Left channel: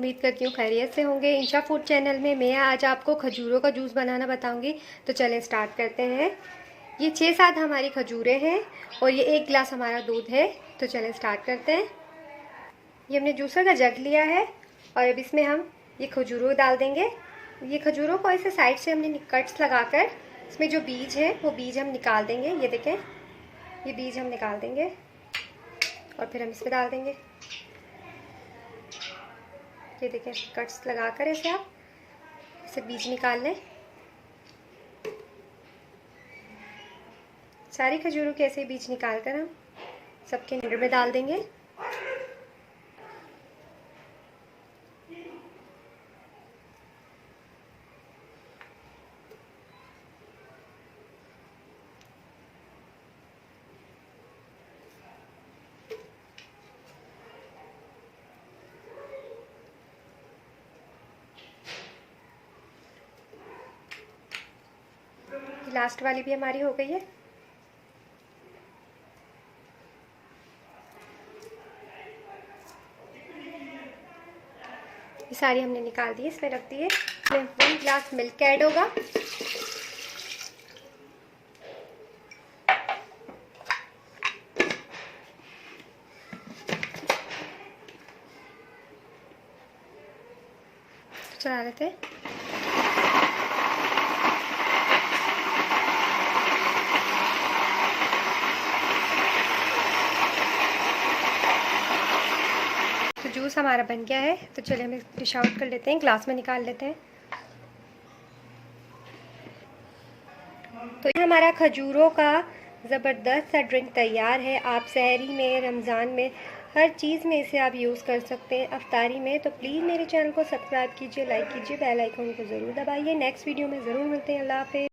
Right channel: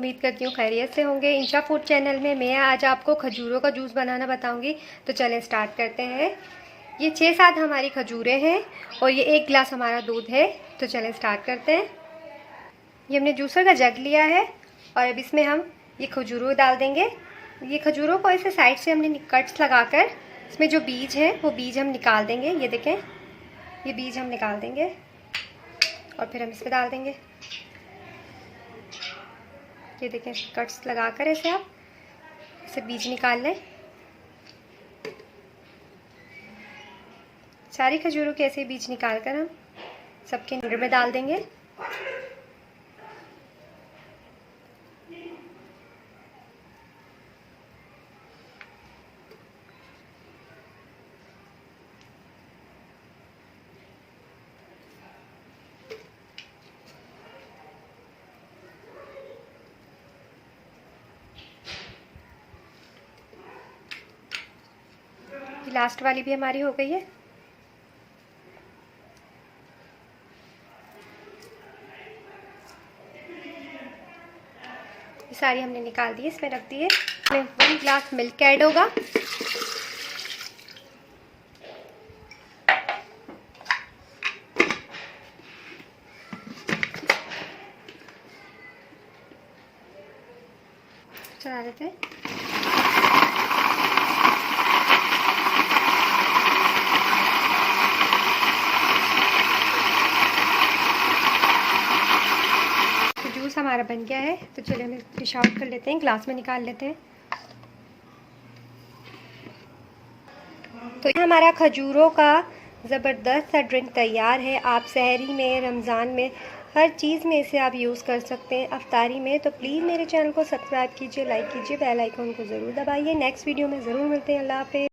उम्मीद करती हूँ खैरियत से होंगे। इंशा फूड चैनल में मैं आज आपको खजूरों का जूस बनाना बताऊंगी। तो चलें स्टार्ट करते हैं। ये 6-7 हमारी खजूरें हैं और ये 1 गिलास हमारा दूध है। तो चलें स्टार्ट करते हैं। ये हमने जूसर का जग लिया है और अब इसमें हम ये खजूरों डाल देंगे। ये खजूरों को ऐसे साइड से हमने कट्स लगाकर इसमें जो बीज है वो बीज हम निकाल देंगे। ये देखें, ये बीज हम निकाल देंगे और फिर हम इस पर डाल देंगे। ये देखें, कट्स लगाकर ऐसे आप इसे बीज निकाल लें। सारी खजूरों के ऐसे बीज निकाल कर हम सबके निगर में डाल देंगे। लास्ट वाली भी हमारी हो गई है। सारी हमने निकाल दी, इसमें रख दिए। इसमें 1 गिलास मिल्क ऐड होगा। चला लेते हैं। जूस हमारा बन गया है। तो चलिए हम डिश आउट कर लेते हैं, ग्लास में निकाल लेते हैं। तो ये हमारा खजूरों का ज़बरदस्त सा ड्रिंक तैयार है। आप सहरी में, रमज़ान में, हर चीज़ में इसे आप यूज़ कर सकते हैं, अफ्तारी में। तो प्लीज़ मेरे चैनल को सब्सक्राइब कीजिए, लाइक कीजिए, बेल आइकन को ज़रूर दबाइए। नेक्स्ट वीडियो में ज़रूर मिलते हैं। अल्लाह हाफ़िज़।